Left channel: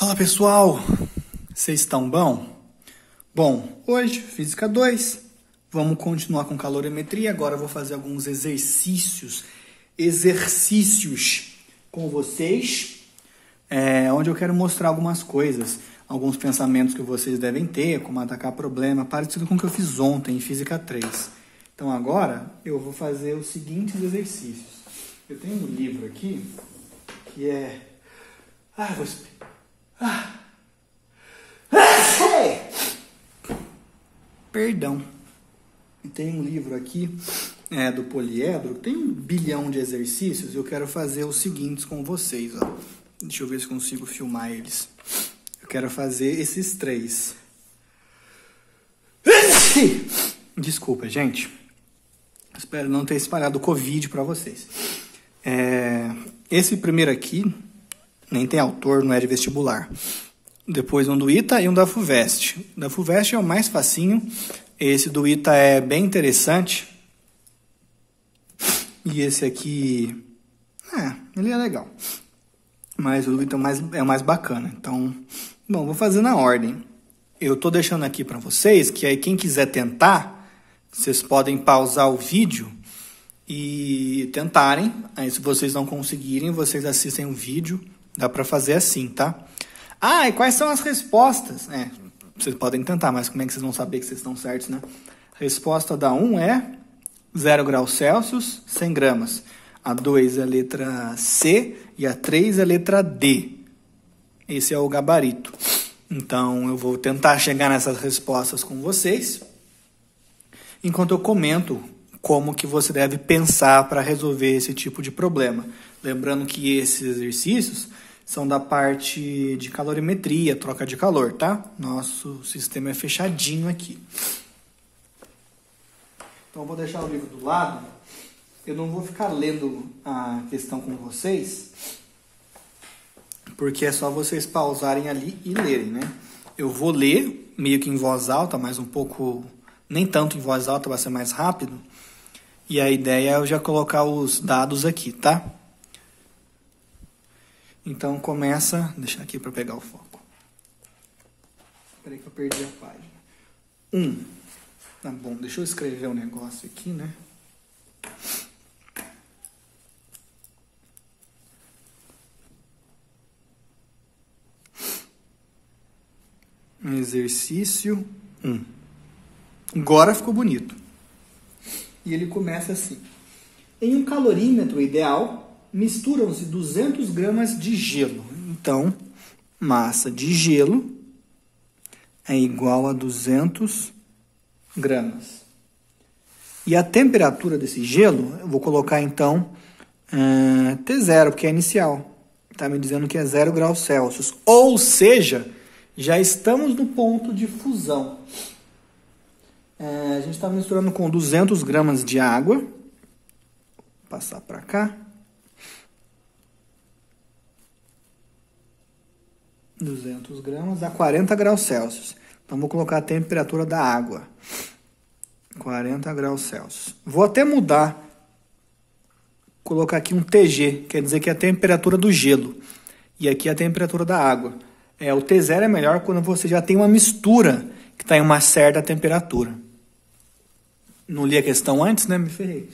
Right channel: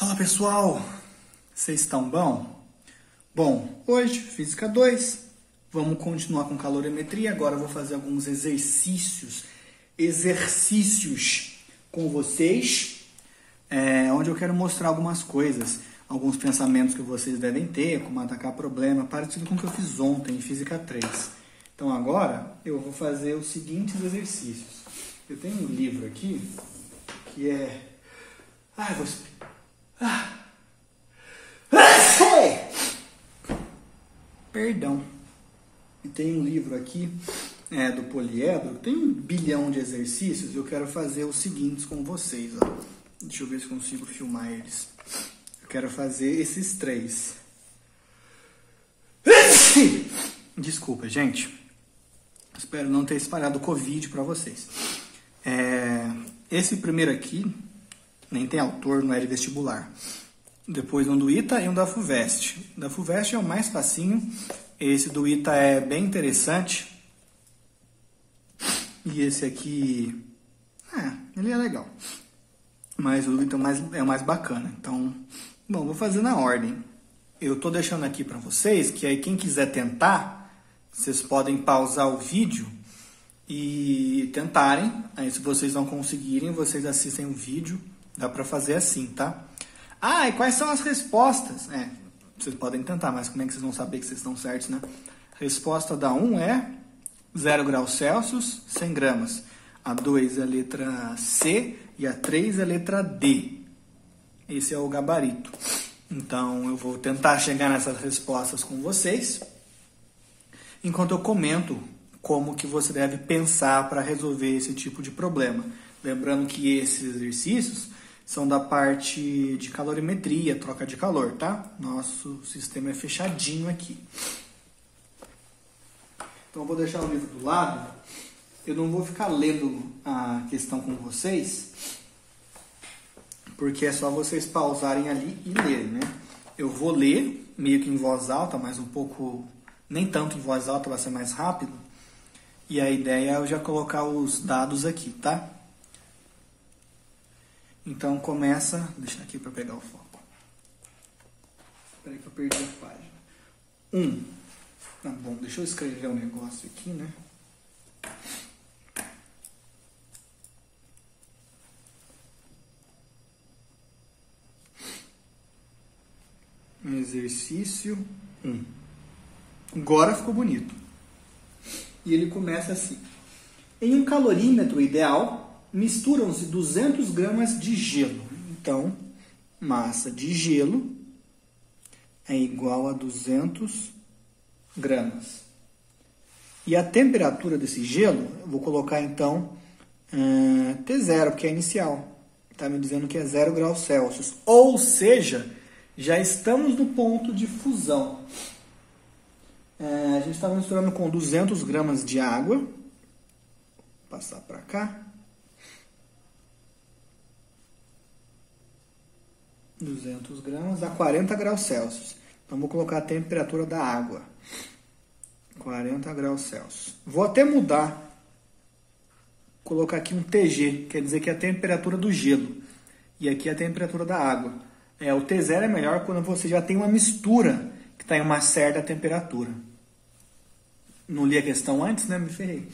Fala pessoal, vocês estão bom? Bom, hoje, Física 2, vamos continuar com calorimetria. Agora eu vou fazer alguns exercícios com vocês, onde eu quero mostrar algumas coisas, alguns pensamentos que vocês devem ter, como atacar problema, parecido com o que eu fiz ontem em Física 3. Então agora eu vou fazer os seguintes exercícios. Eu tenho um livro aqui que é... Perdão. E tem um livro aqui do poliedro, tem 1 bilhão de exercícios. Eu quero fazer os seguintes com vocês. Ó. Deixa eu ver se consigo filmar eles. Eu quero fazer esses 3. Desculpa, gente. Espero não ter espalhado o Covid para vocês. Esse primeiro aqui nem tem autor, não é de vestibular. Depois um do ITA e um da FUVEST. Da FUVEST é o mais facinho. Esse do ITA é bem interessante. E esse aqui... ele é legal. Mas o do ITA é o mais bacana. Então, bom, vou fazer na ordem. Eu tô deixando aqui para vocês, que aí quem quiser tentar, vocês podem pausar o vídeo e tentarem. Aí se vocês não conseguirem, vocês assistem o vídeo. Dá para fazer assim, tá? E quais são as respostas? Vocês podem tentar, mas como é que vocês vão saber que vocês estão certos, né? A resposta da 1 é 0 graus Celsius, 100 gramas. A 2 é a letra C e a 3 é a letra D. Esse é o gabarito. Então, eu vou tentar chegar nessas respostas com vocês, enquanto eu comento como que você deve pensar para resolver esse tipo de problema. Lembrando que esses exercícios são da parte de calorimetria, troca de calor, tá? Nosso sistema é fechadinho aqui. Então, eu vou deixar o livro do lado. Eu não vou ficar lendo a questão com vocês, porque é só vocês pausarem ali e lerem, né? Eu vou ler, meio que em voz alta, mas um pouco... nem tanto em voz alta, vai ser mais rápido. E a ideia é eu já colocar os dados aqui, tá? Então, começa... Deixa aqui para pegar o foco. Espera aí que eu perdi a página. 1. Bom, deixa eu escrever um negócio aqui, né? Exercício 1. Agora ficou bonito. E ele começa assim. Em um calorímetro ideal, misturam-se 200 gramas de gelo. Então, massa de gelo é igual a 200 gramas. E a temperatura desse gelo, eu vou colocar então T0, porque é inicial. Está me dizendo que é 0 graus Celsius. Ou seja, já estamos no ponto de fusão. A gente está misturando com 200 gramas de água. Vou passar para cá. 200 gramas a 40 graus Celsius. Então, vou colocar a temperatura da água. 40 graus Celsius. Vou até mudar. Colocar aqui um TG, quer dizer que é a temperatura do gelo. E aqui é a temperatura da água. O T0 é melhor quando você já tem uma mistura que está em uma certa temperatura. Não li a questão antes, né? Me ferrei.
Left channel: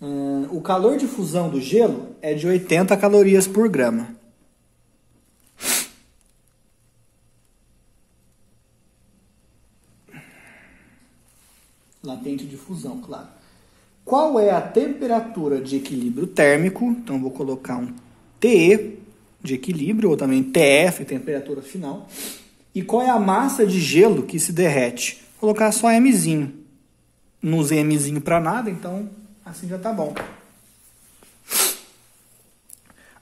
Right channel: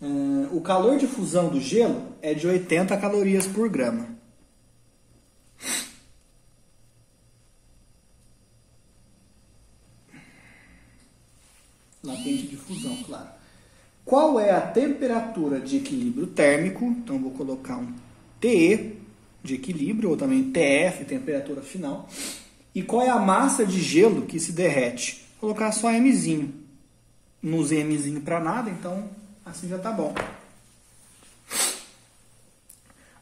O calor de fusão do gelo é de 80 calorias por grama. Latente de fusão, claro. Qual é a temperatura de equilíbrio térmico? Então, vou colocar um TE de equilíbrio, ou também TF, temperatura final. E qual é a massa de gelo que se derrete? Vou colocar só Mzinho. Não usei Mzinho para nada, então assim já tá bom.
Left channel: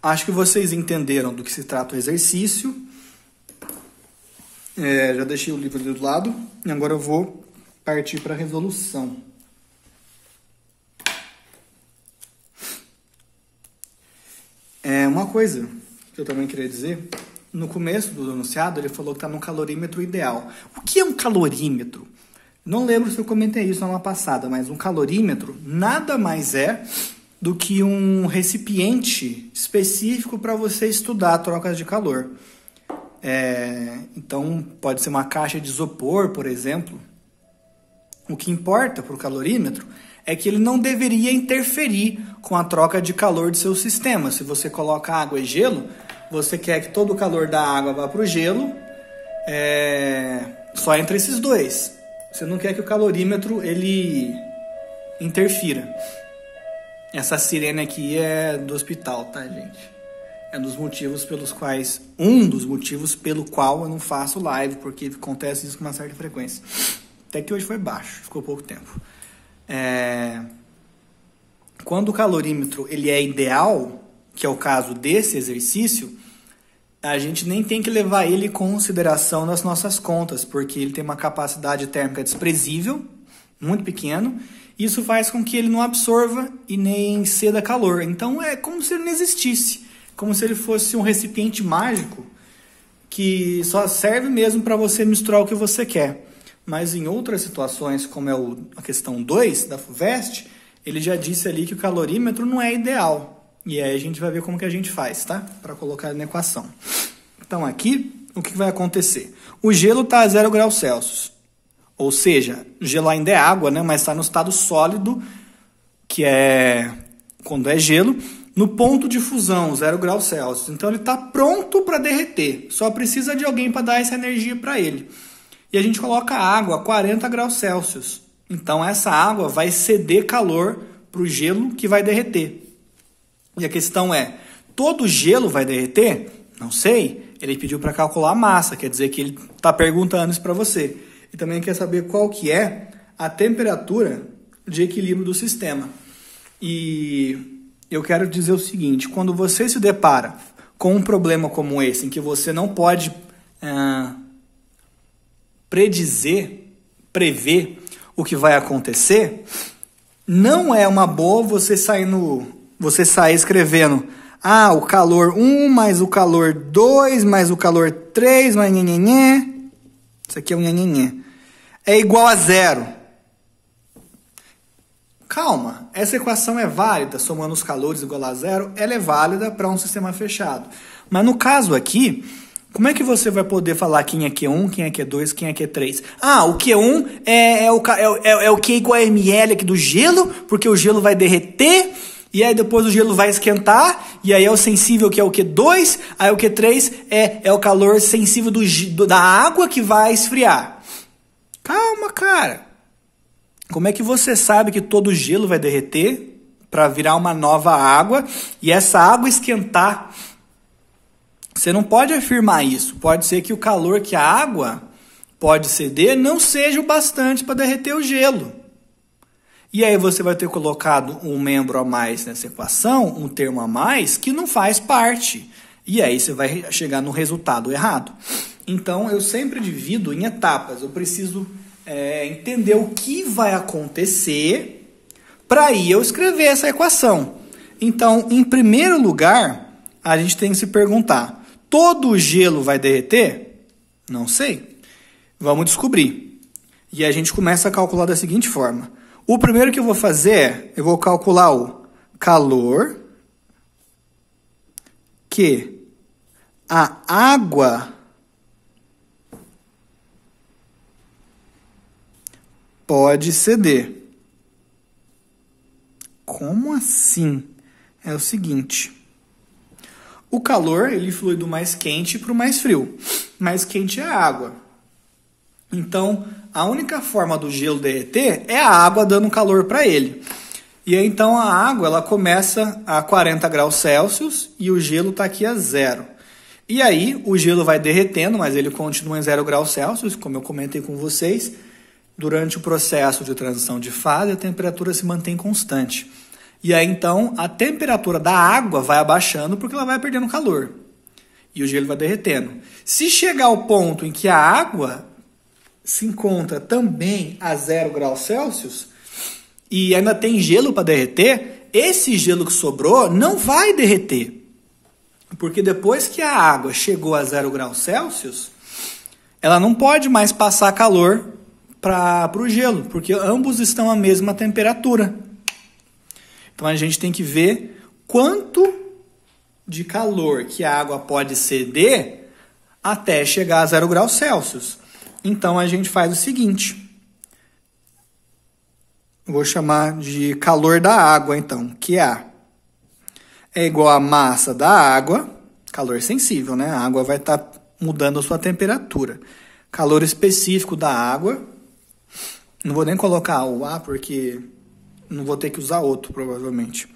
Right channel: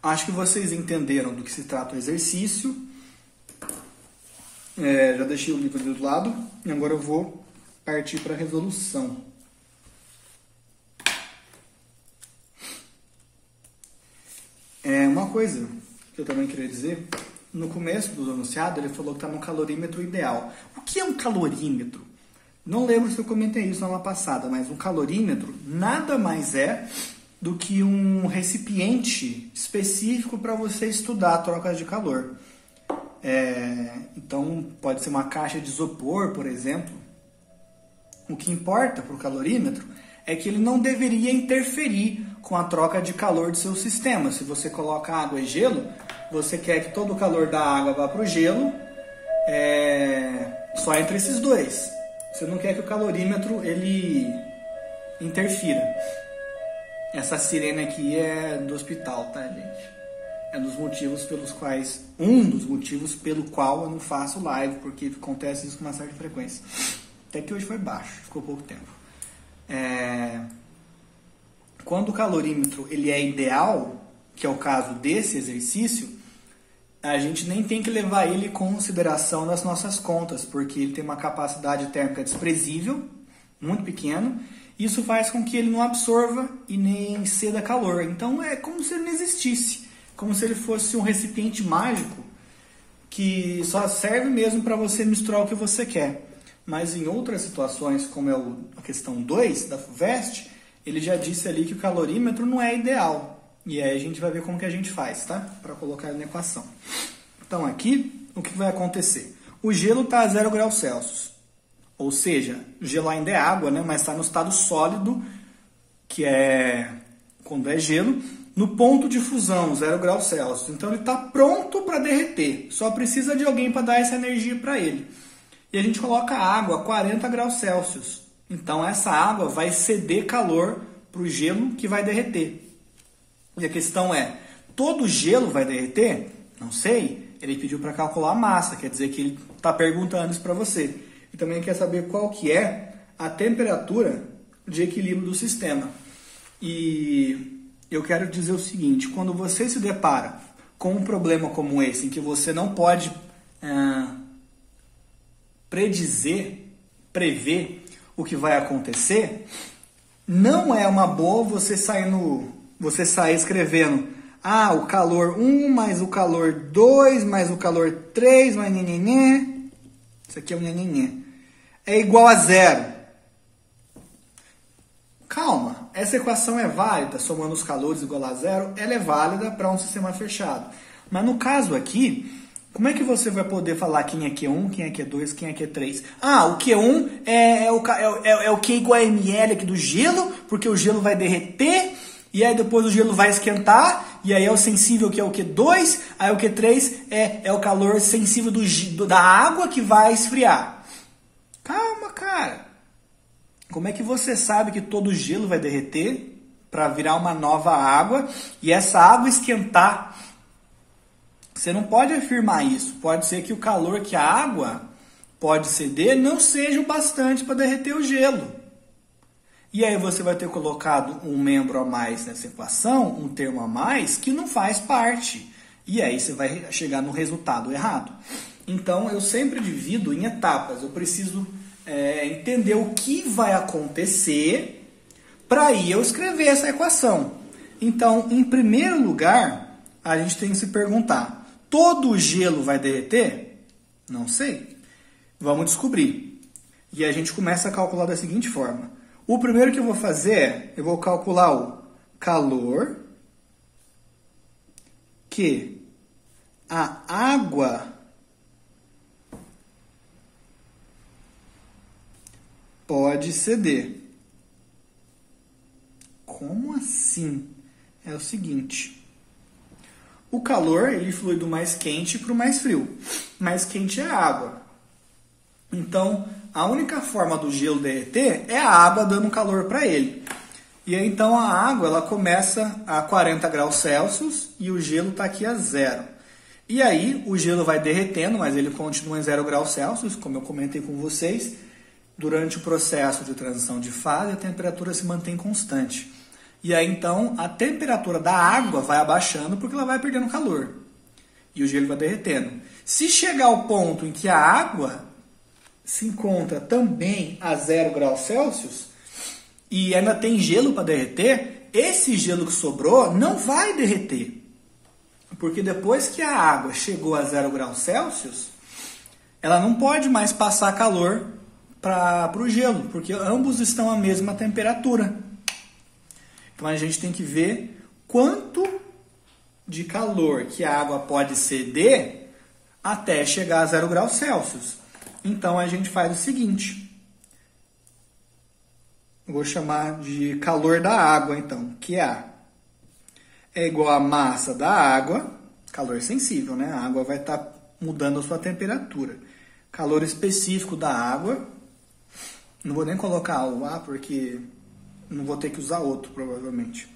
Acho que vocês entenderam do que se trata o exercício. Já deixei o livro do lado. E agora eu vou partir para a resolução. Uma coisa que eu também queria dizer, no começo do enunciado ele falou que está no calorímetro ideal. O que é um calorímetro? Não lembro se eu comentei isso na aula passada, mas um calorímetro nada mais é do que um recipiente específico para você estudar trocas de calor. Então, pode ser uma caixa de isopor, por exemplo. O que importa para o calorímetro é que ele não deveria interferir com a troca de calor do seu sistema. Se você coloca água e gelo, você quer que todo o calor da água vá para o gelo, só entre esses dois. Você não quer que o calorímetro ele interfira. Essa sirene aqui é do hospital, tá, gente? É um dos motivos pelo qual eu não faço live, porque acontece isso com uma certa frequência. Até que hoje foi baixo, ficou pouco tempo. Quando o calorímetro ele é ideal, que é o caso desse exercício, a gente nem tem que levar ele em consideração nas nossas contas, porque ele tem uma capacidade térmica desprezível, muito pequeno. Isso faz com que ele não absorva e nem ceda calor. Então é como se ele não existisse. Como se ele fosse um recipiente mágico que só serve mesmo para você misturar o que você quer. Mas em outras situações, como é a questão 2 da FUVEST, ele já disse ali que o calorímetro não é ideal. E aí a gente vai ver como que a gente faz, tá? Para colocar na equação. Então aqui, o que vai acontecer? O gelo está a 0 graus Celsius. Ou seja, o gelo ainda é água, né? Mas está no estado sólido, que é quando é gelo, no ponto de fusão, 0 graus Celsius. Então ele está pronto para derreter. Só precisa de alguém para dar essa energia para ele. E a gente coloca água a 40 graus Celsius. Então essa água vai ceder calor para o gelo que vai derreter. E a questão é, todo gelo vai derreter? Não sei. Ele pediu para calcular a massa, quer dizer que ele está perguntando isso para você. E também quer saber qual que é a temperatura de equilíbrio do sistema. E eu quero dizer o seguinte, quando você se depara com um problema como esse, em que você não pode prever o que vai acontecer, não é uma boa você sair escrevendo o calor 1 mais o calor 2 mais o calor 3 mais nhenhenhé. Isso aqui é um nhenhenhé. É igual a 0. Calma, essa equação é válida, somando os calores igual a 0, ela é válida para um sistema fechado. Mas no caso aqui, como é que você vai poder falar quem é Q1, quem é Q2, quem é Q3? O Q1 é o Q igual a ml aqui do gelo, porque o gelo vai derreter, e aí depois o gelo vai esquentar, e aí é o sensível que é o Q2, aí o Q3 é o calor sensível da água que vai esfriar. Calma, cara. Como é que você sabe que todo o gelo vai derreter para virar uma nova água e essa água esquentar? Você não pode afirmar isso. Pode ser que o calor que a água pode ceder não seja o bastante para derreter o gelo. E aí você vai ter colocado um membro a mais nessa equação, um termo a mais, que não faz parte. E aí você vai chegar no resultado errado. Então eu sempre divido em etapas. Eu preciso entender o que vai acontecer para aí eu escrever essa equação. Então, em primeiro lugar, a gente tem que se perguntar, todo o gelo vai derreter? Não sei. Vamos descobrir. E a gente começa a calcular da seguinte forma. O primeiro que eu vou fazer eu vou calcular o calor que a água pode ceder. Como assim? É o seguinte. O calor, ele flui do mais quente para o mais frio. Mais quente é a água. Então, a única forma do gelo derreter é a água dando calor para ele. E aí, então, a água ela começa a 40 graus Celsius e o gelo está aqui a 0. E aí, o gelo vai derretendo, mas ele continua em 0 graus Celsius, como eu comentei com vocês. Durante o processo de transição de fase, a temperatura se mantém constante. E aí, então, a temperatura da água vai abaixando porque ela vai perdendo calor. E o gelo vai derretendo. Se chegar ao ponto em que a água se encontra também a 0 graus Celsius e ainda tem gelo para derreter, esse gelo que sobrou não vai derreter. Porque depois que a água chegou a 0 graus Celsius, ela não pode mais passar calor para o gelo, porque ambos estão à mesma temperatura. Então a gente tem que ver quanto de calor que a água pode ceder até chegar a 0 graus Celsius. Então, a gente faz o seguinte. Vou chamar de calor da água, então, QA. É igual a massa da água, calor sensível, né? A água vai estar mudando a sua temperatura. Calor específico da água. Não vou nem colocar o A, porque não vou ter que usar outro, provavelmente.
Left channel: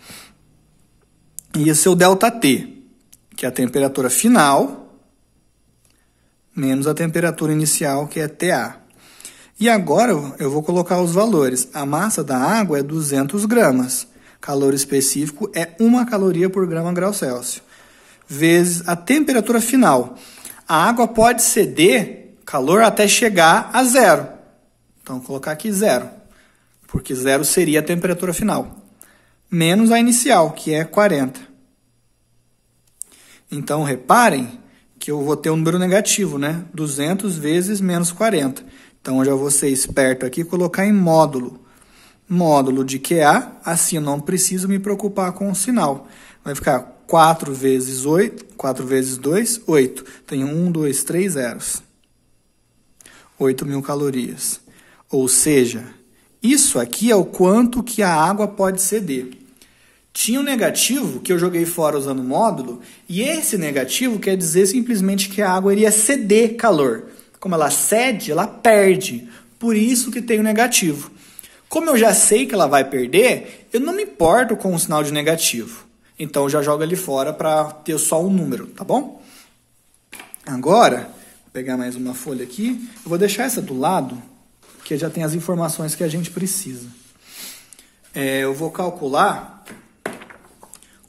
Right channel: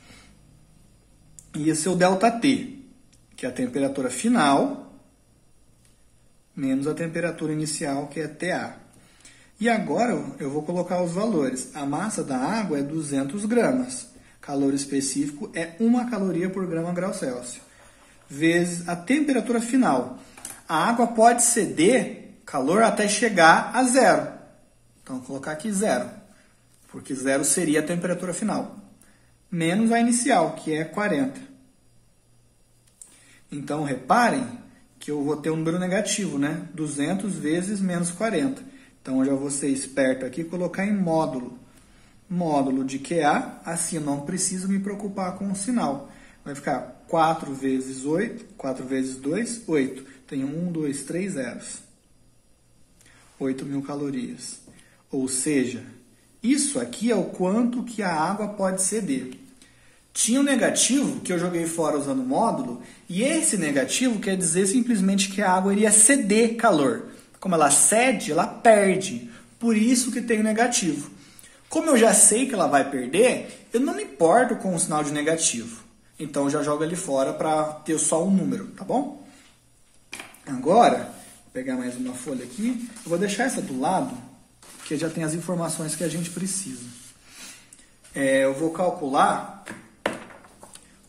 E esse é o ΔT, que é a temperatura final, menos a temperatura inicial, que é TA. E agora eu vou colocar os valores. A massa da água é 200 gramas. Calor específico é 1 caloria por grama grau Celsius. Vezes a temperatura final. A água pode ceder calor até chegar a 0. Então, vou colocar aqui 0. Porque 0 seria a temperatura final. Menos a inicial, que é 40. Então, reparem que eu vou ter um número negativo, né? 200 vezes menos 40. Então, eu já vou ser esperto aqui e colocar em módulo. Módulo de QA, assim eu não preciso me preocupar com o sinal. Vai ficar 4 vezes 8, 4 vezes 2, 8. Tem 1, 2, 3 zeros. 8.000 calorias. Ou seja, isso aqui é o quanto que a água pode ceder. Tinha um negativo que eu joguei fora usando o módulo, e esse negativo quer dizer simplesmente que a água iria ceder calor. Como ela cede, ela perde. Por isso que tem o negativo. Como eu já sei que ela vai perder, eu não me importo com o sinal de negativo. Então, eu já jogo ali fora para ter só um número, tá bom? Agora, vou pegar mais uma folha aqui. Eu vou deixar essa do lado, que já tem as informações que a gente precisa. Eu vou calcular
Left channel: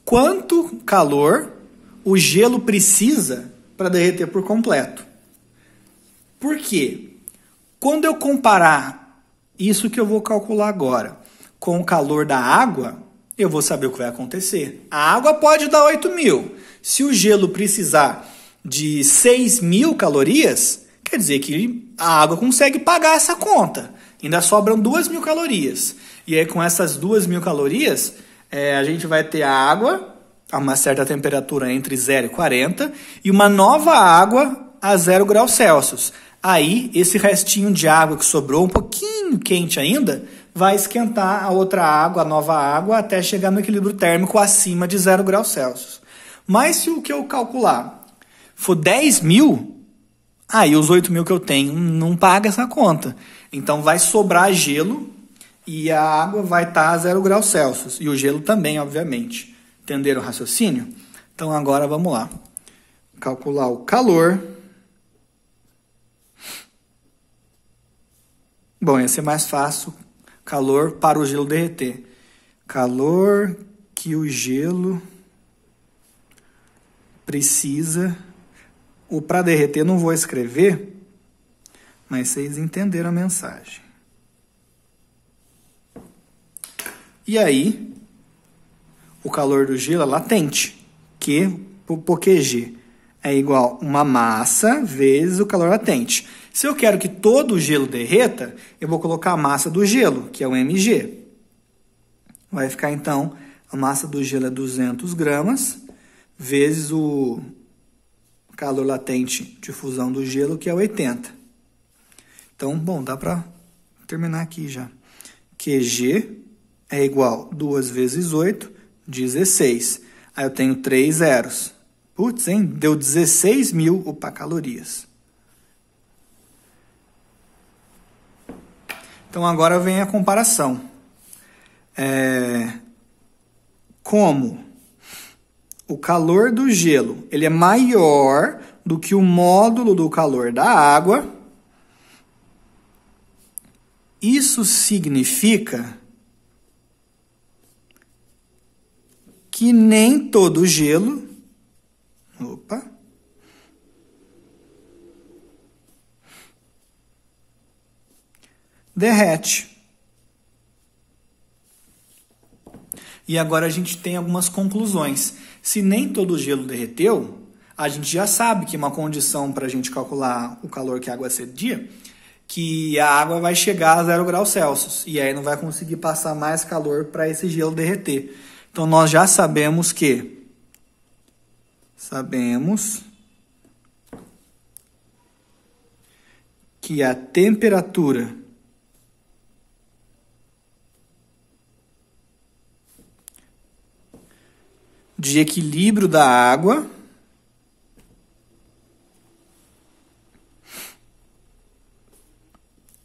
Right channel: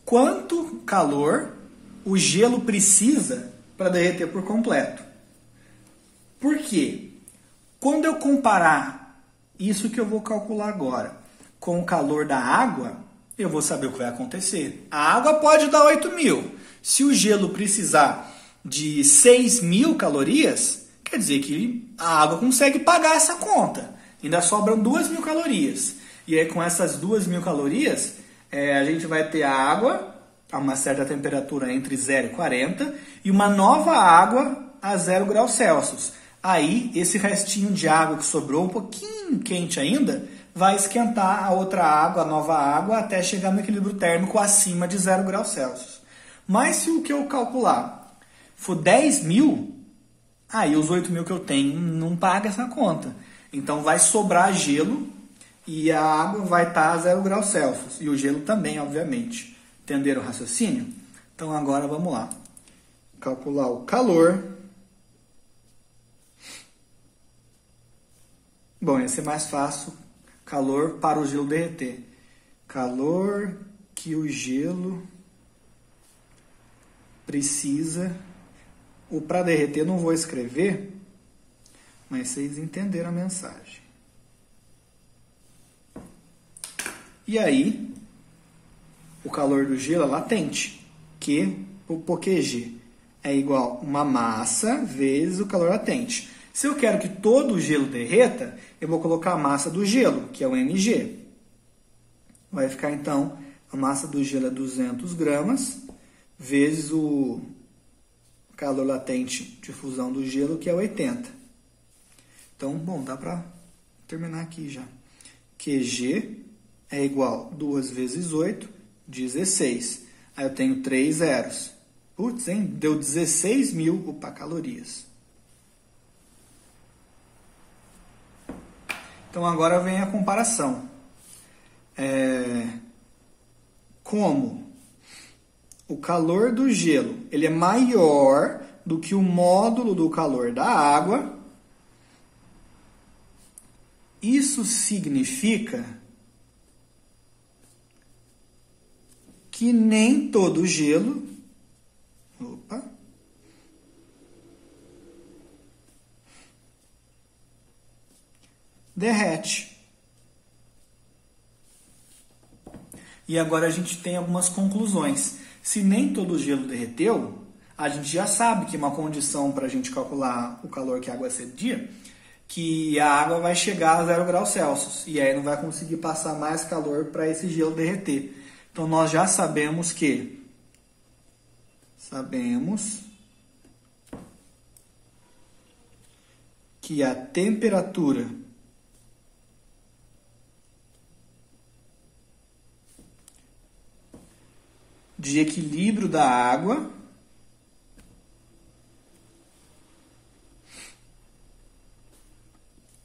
quanto calor o gelo precisa para derreter por completo. Por quê? Quando eu comparar isso que eu vou calcular agora com o calor da água, eu vou saber o que vai acontecer. A água pode dar 8.000. Se o gelo precisar de 6.000 calorias, quer dizer que a água consegue pagar essa conta. Ainda sobram 2.000 calorias. E aí, com essas 2.000 calorias, a gente vai ter a água a uma certa temperatura entre 0 e 40 e uma nova água a 0 graus Celsius. Aí, esse restinho de água que sobrou, um pouquinho quente ainda, vai esquentar a outra água, a nova água, até chegar no equilíbrio térmico acima de 0 graus Celsius. Mas se o que eu calcular for 10.000, aí os 8.000 que eu tenho não paga essa conta. Então, vai sobrar gelo e a água vai estar a 0 graus Celsius. E o gelo também, obviamente. Entenderam o raciocínio? Então, agora vamos lá. Calcular o calor. Bom, ia ser mais fácil. Calor para o gelo derreter. Calor que o gelo precisa. O para derreter não vou escrever, mas vocês entenderam a mensagem. E aí, o calor do gelo é latente. Q por QG é igual a uma massa vezes o calor latente. Se eu quero que todo o gelo derreta, eu vou colocar a massa do gelo, que é o mg. Vai ficar, então, a massa do gelo é 200 gramas, vezes o calor latente de fusão do gelo, que é 80. Então, bom, dá para terminar aqui já. QG é igual a 2 vezes 8, 16. Aí eu tenho 3 zeros. Putz, hein? Deu 16.000 calorias. Então, agora vem a comparação. Como o calor do gelo ele é maior do que o módulo do calor da água, isso significa que nem todo gelo derrete. E agora a gente tem algumas conclusões. Se nem todo o gelo derreteu, a gente já sabe que uma condição para a gente calcular o calor que a água cedia, que a água vai chegar a 0 graus Celsius. E aí não vai conseguir passar mais calor para esse gelo derreter. Então, nós já sabemos que que a temperatura de equilíbrio da água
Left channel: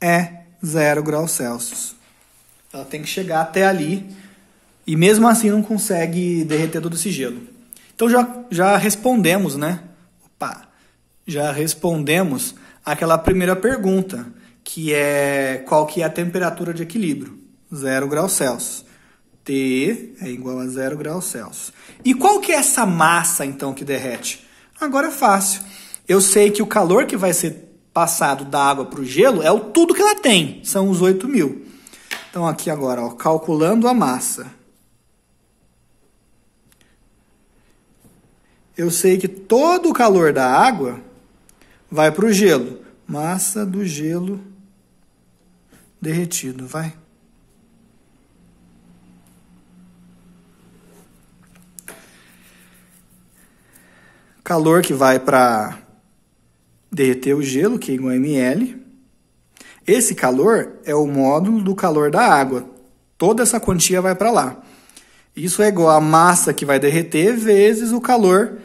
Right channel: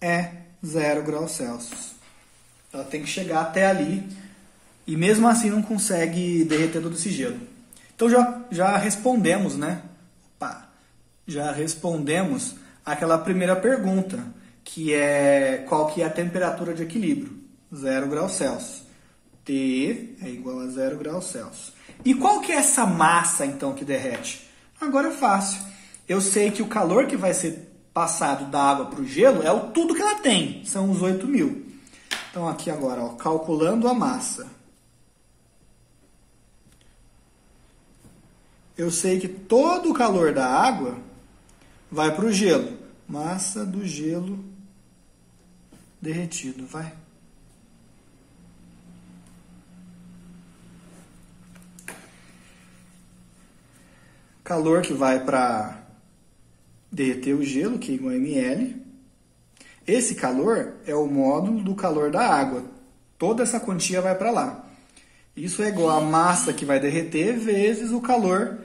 é 0 graus Celsius. Ela tem que chegar até ali e mesmo assim não consegue derreter todo esse gelo. Então já respondemos, né? Já respondemos aquela primeira pergunta, que é qual que é a temperatura de equilíbrio? 0 graus Celsius. T é igual a 0 graus Celsius. E qual que é essa massa, então, que derrete? Agora é fácil. Eu sei que o calor que vai ser passado da água para o gelo é o tudo que ela tem, são os 8.000. Então, aqui agora, ó, calculando a massa. Eu sei que todo o calor da água vai para o gelo. Massa do gelo derretido, vai. Calor que vai para derreter o gelo, que é igual a ml. Esse calor é o módulo do calor da água. Toda essa quantia vai para lá. Isso é igual a massa que vai derreter vezes o calor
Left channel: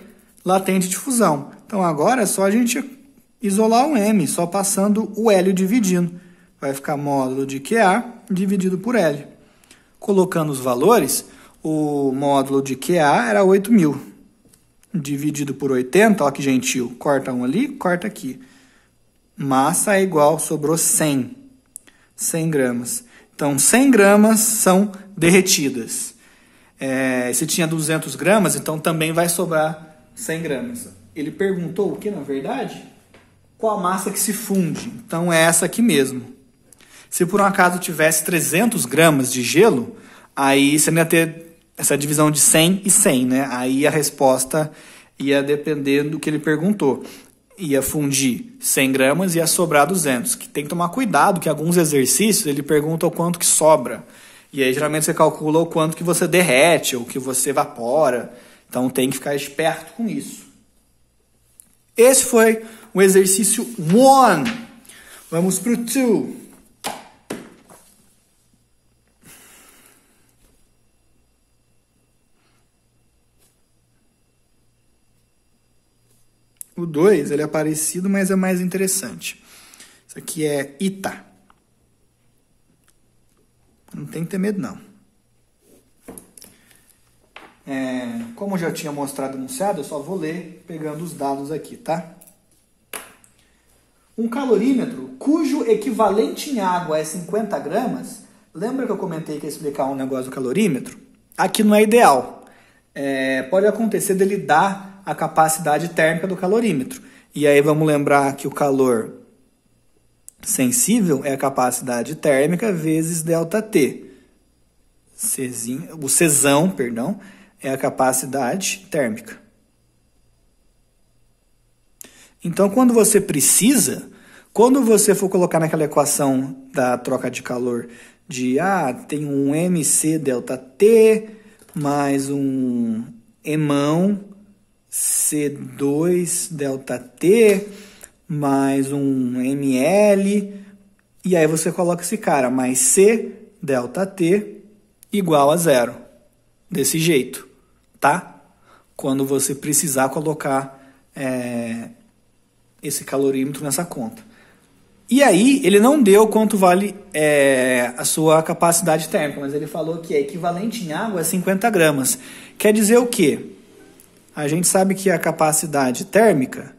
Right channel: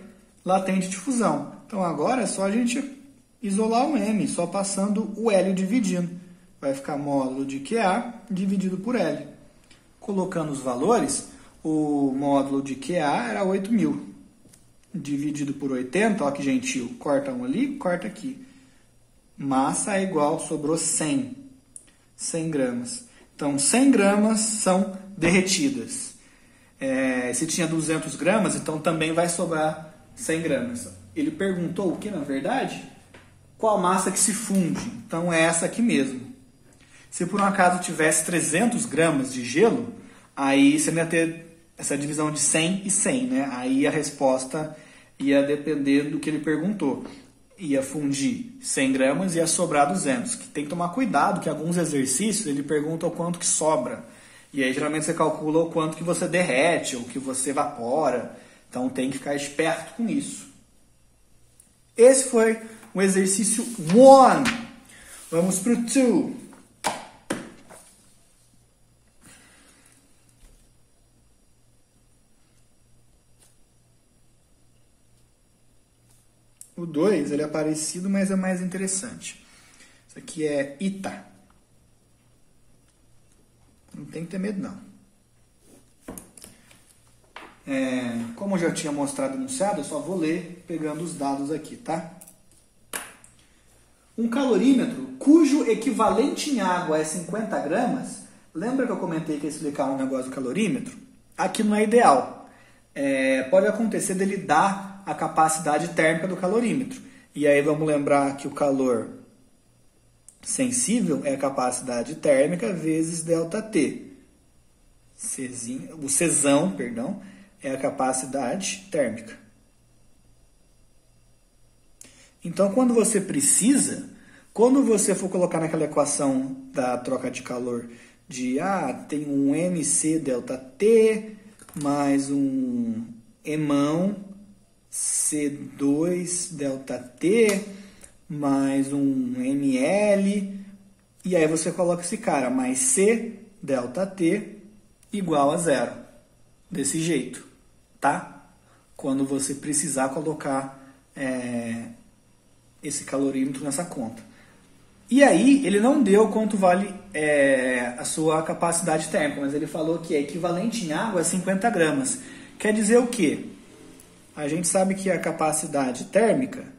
latente de fusão. Então agora é só a gente isolar o M, só passando o L dividindo. Vai ficar módulo de QA dividido por L. Colocando os valores, o módulo de QA era 8.000. Dividido por 80, ó que gentil, corta um ali, corta aqui. Massa é igual, sobrou 100 gramas. Então, 100 gramas são derretidas. Se tinha 200 gramas, então também vai sobrar 100 gramas. Ele perguntou o que, na verdade? Qual a massa que se funde? Então, é essa aqui mesmo. Se por um acaso tivesse 300 gramas de gelo, aí você não ia ter essa divisão de 100 e 100, né? Aí a resposta ia depender do que ele perguntou. Ia fundir 100 gramas e ia sobrar 200. Que tem que tomar cuidado, que alguns exercícios ele pergunta o quanto que sobra. E aí geralmente você calcula o quanto que você derrete, ou que você evapora. Então tem que ficar esperto com isso. Esse foi o exercício 1. Vamos para o 2. O 2, ele é parecido, mas é mais interessante. Isso aqui é ITA. Não tem que ter medo, não. Como eu já tinha mostrado anunciado, eu só vou ler pegando os dados aqui, tá? Um calorímetro cujo equivalente em água é 50 gramas. Lembra que eu comentei que ia explicar um negócio do calorímetro? Aqui não é ideal. Pode acontecer dele dar a capacidade térmica do calorímetro. E aí vamos lembrar que o calor sensível é a capacidade térmica vezes ΔT. O Czão, perdão, é a capacidade térmica. Então, quando você precisa, quando você for colocar naquela equação da troca de calor de tem um mc∆T mais um emão C2∆T mais um ml, e aí você coloca esse cara, mais C∆T igual a 0. Desse jeito, tá? Quando você precisar colocar esse calorímetro nessa conta. E aí, ele não deu quanto vale a sua capacidade térmica, mas ele falou que é equivalente em água a 50 gramas. Quer dizer o quê? A gente sabe que a capacidade térmica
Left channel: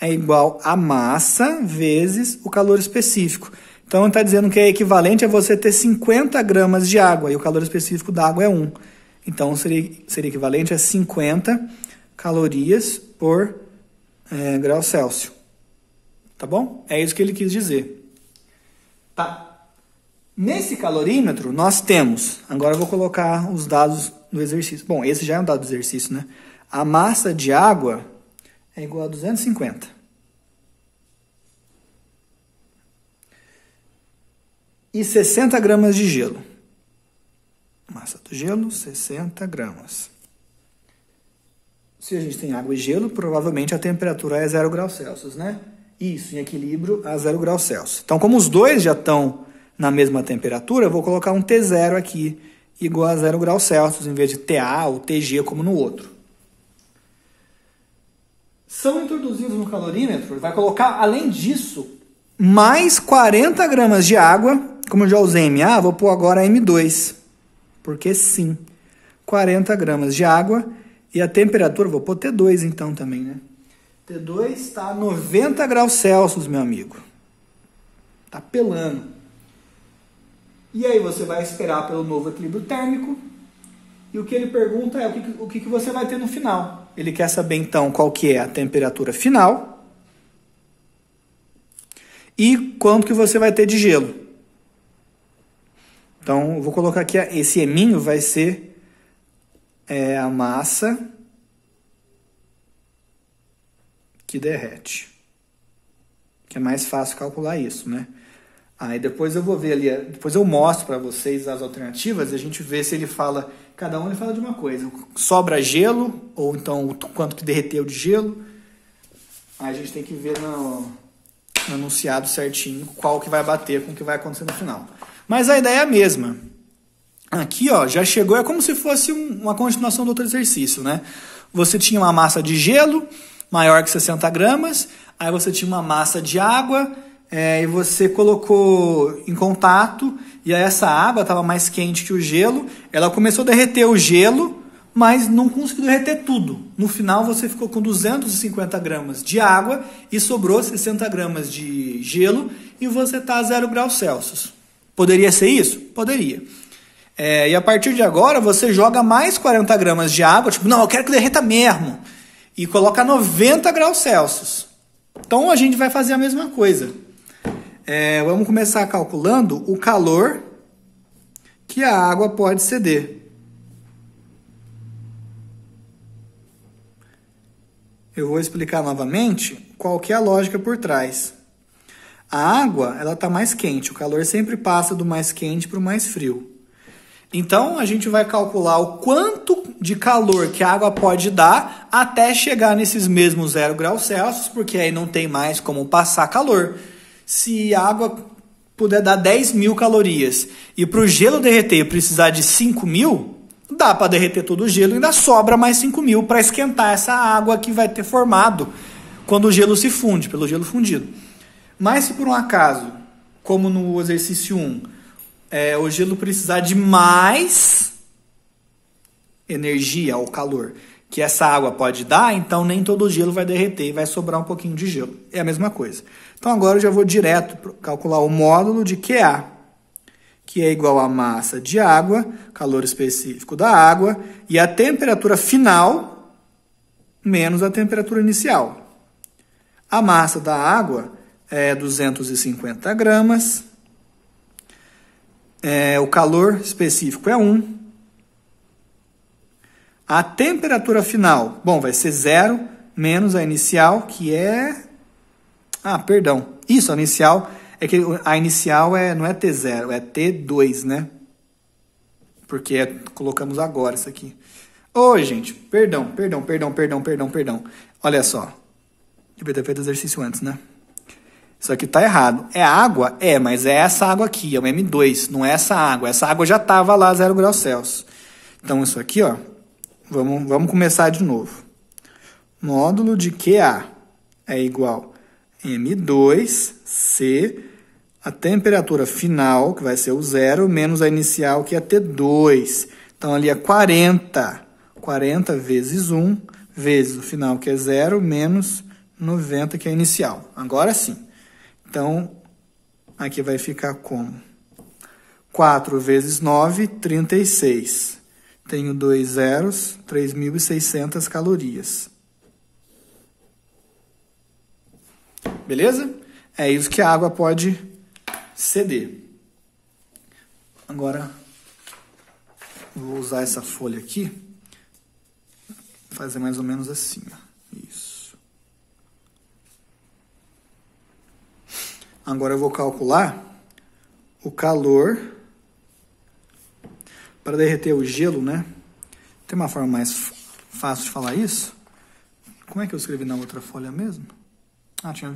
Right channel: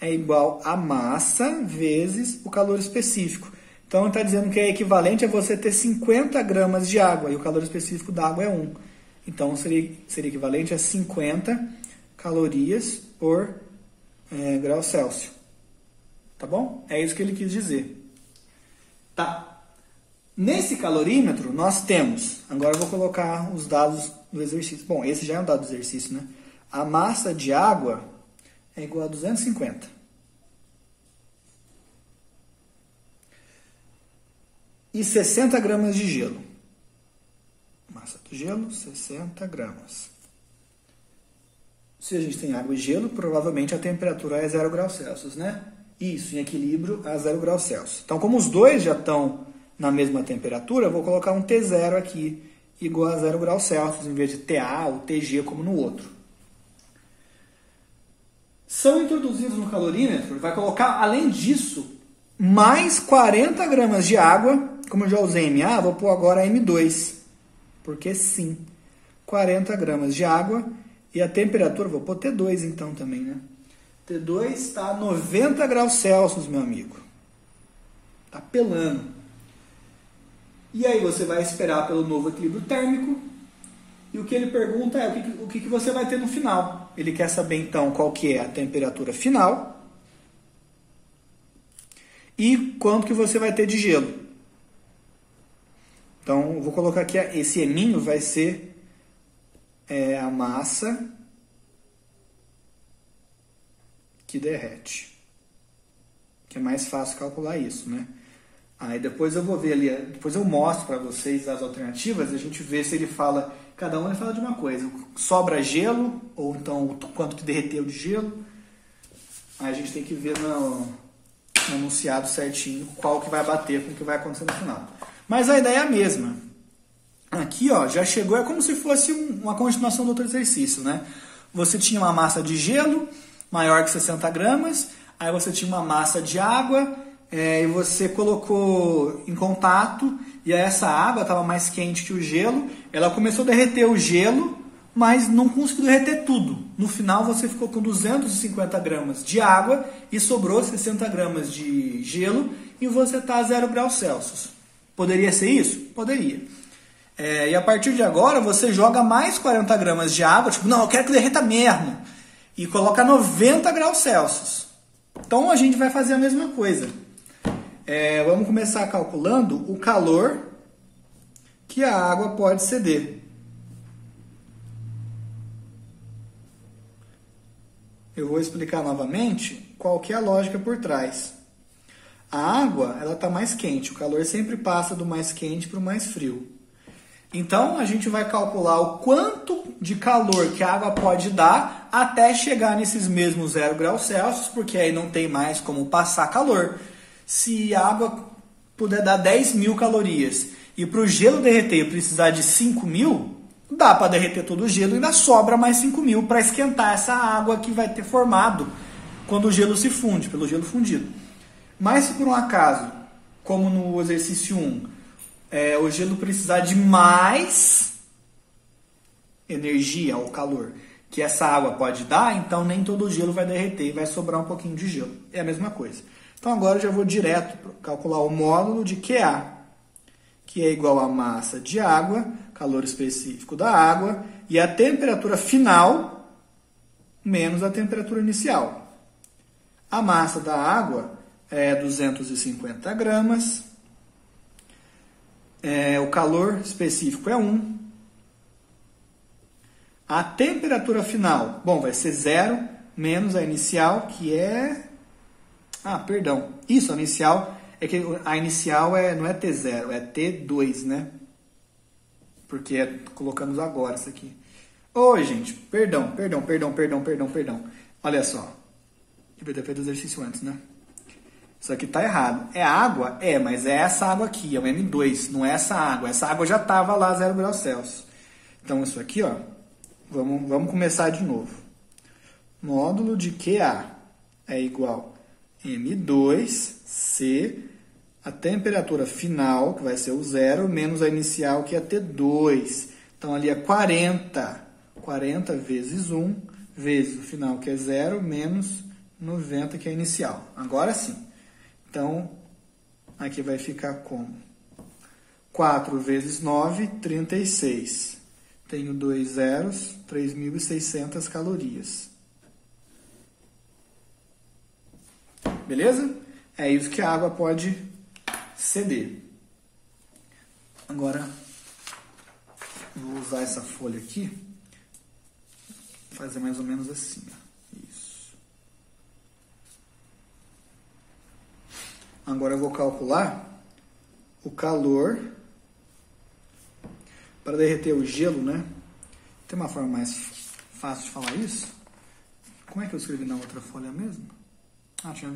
é igual a massa vezes o calor específico. Então, ele está dizendo que é equivalente a você ter 50 gramas de água, e o calor específico da água é 1. Então, seria equivalente a 50 calorias por grau Celsius. Tá bom? É isso que ele quis dizer. Tá. Nesse calorímetro, nós temos... Agora eu vou colocar os dados do exercício. Bom, esse já é um dado do exercício, né? A massa de água é igual a 250. E 60 gramas de gelo. Massa do gelo, 60 gramas. Se a gente tem água e gelo, provavelmente a temperatura é 0 graus Celsius, né? Isso, em equilíbrio a 0 graus Celsius. Então, como os dois já estão na mesma temperatura, eu vou colocar um T0 aqui, igual a 0 graus Celsius, em vez de TA ou TG, como no outro. São introduzidos no calorímetro, vai colocar, além disso, mais 40 gramas de água. Como eu já usei MA, vou pôr agora M2, porque sim, 40 gramas de água. E a temperatura, vou pôr T2 então também, né? T2 está a 90 graus Celsius, meu amigo. Está pelando. E aí você vai esperar pelo novo equilíbrio térmico. E o que ele pergunta é o que você vai ter no final. Ele quer saber então qual que é a temperatura final e quanto que você vai ter de gelo. Então, eu vou colocar aqui, esse eminho vai ser a massa que derrete. Que é mais fácil calcular isso, né? Aí depois eu vou ver ali, depois eu mostro para vocês as alternativas e a gente vê se ele fala, cada um ele fala de uma coisa. Sobra gelo, ou então quanto que derreteu de gelo. Aí a gente tem que ver no anunciado certinho qual que vai bater com o que vai acontecer no final. Mas a ideia é a mesma. Aqui, ó, já chegou, é como se fosse uma continuação do outro exercício, né? Você tinha uma massa de gelo maior que 60 gramas, aí você tinha uma massa de água, e você colocou em contato, e aí essa água estava mais quente que o gelo, ela começou a derreter o gelo, mas não conseguiu derreter tudo. No final você ficou com 250 gramas de água e sobrou 60 gramas de gelo e você está a 0 graus Celsius. Poderia ser isso? Poderia. E a partir de agora você joga mais 40 gramas de água, tipo, não, eu quero que derreta mesmo, e coloca 90 graus Celsius. Então a gente vai fazer a mesma coisa. Vamos começar calculando o calor que a água pode ceder. Eu vou explicar novamente qual que é a lógica por trás. A água, ela está mais quente, o calor sempre passa do mais quente para o mais frio. Então, a gente vai calcular o quanto de calor que a água pode dar até chegar nesses mesmos 0 graus Celsius, porque aí não tem mais como passar calor. Se a água puder dar 10 mil calorias e para o gelo derreter precisar de 5 mil, dá para derreter todo o gelo e ainda sobra mais 5 mil para esquentar essa água que vai ter formado quando o gelo se funde, pelo gelo fundido. Mas se por um acaso, como no exercício 1, o gelo precisar de mais energia ou calor que essa água pode dar, então nem todo o gelo vai derreter e vai sobrar um pouquinho de gelo. É a mesma coisa. Então agora eu já vou direto calcular o módulo de QA, que é igual à massa de água, calor específico da água, e a temperatura final menos a temperatura inicial. A massa da água é 250 gramas, o calor específico é 1. A temperatura final, bom, vai ser 0 menos a inicial, que é... perdão, isso, a inicial... É que a inicial não é T0, é T2, né? Porque colocamos agora isso aqui. Gente, perdão. Olha só. Devia ter feito o exercício antes, né? Isso aqui tá errado. É água? Mas é essa água aqui, é o M2, não é essa água. Essa água já tava lá 0 graus Celsius. Então, isso aqui, ó, vamos começar de novo. Módulo de QA é igual a M2C... A temperatura final, que vai ser o 0, menos a inicial, que é T2. Então, ali é 40. 40 vezes 1, vezes o final, que é 0, menos 90, que é a inicial. Agora sim. Então, aqui vai ficar como? 4 vezes 9, 36. Tenho 2 zeros, 3.600 calorias. Beleza? É isso que a água pode ceder. Agora, vou usar essa folha aqui, fazer mais ou menos assim, ó. Isso. Agora eu vou calcular o calor para derreter o gelo, né? Tem uma forma mais fácil de falar isso? Como é que eu escrevi na outra folha mesmo? Tinha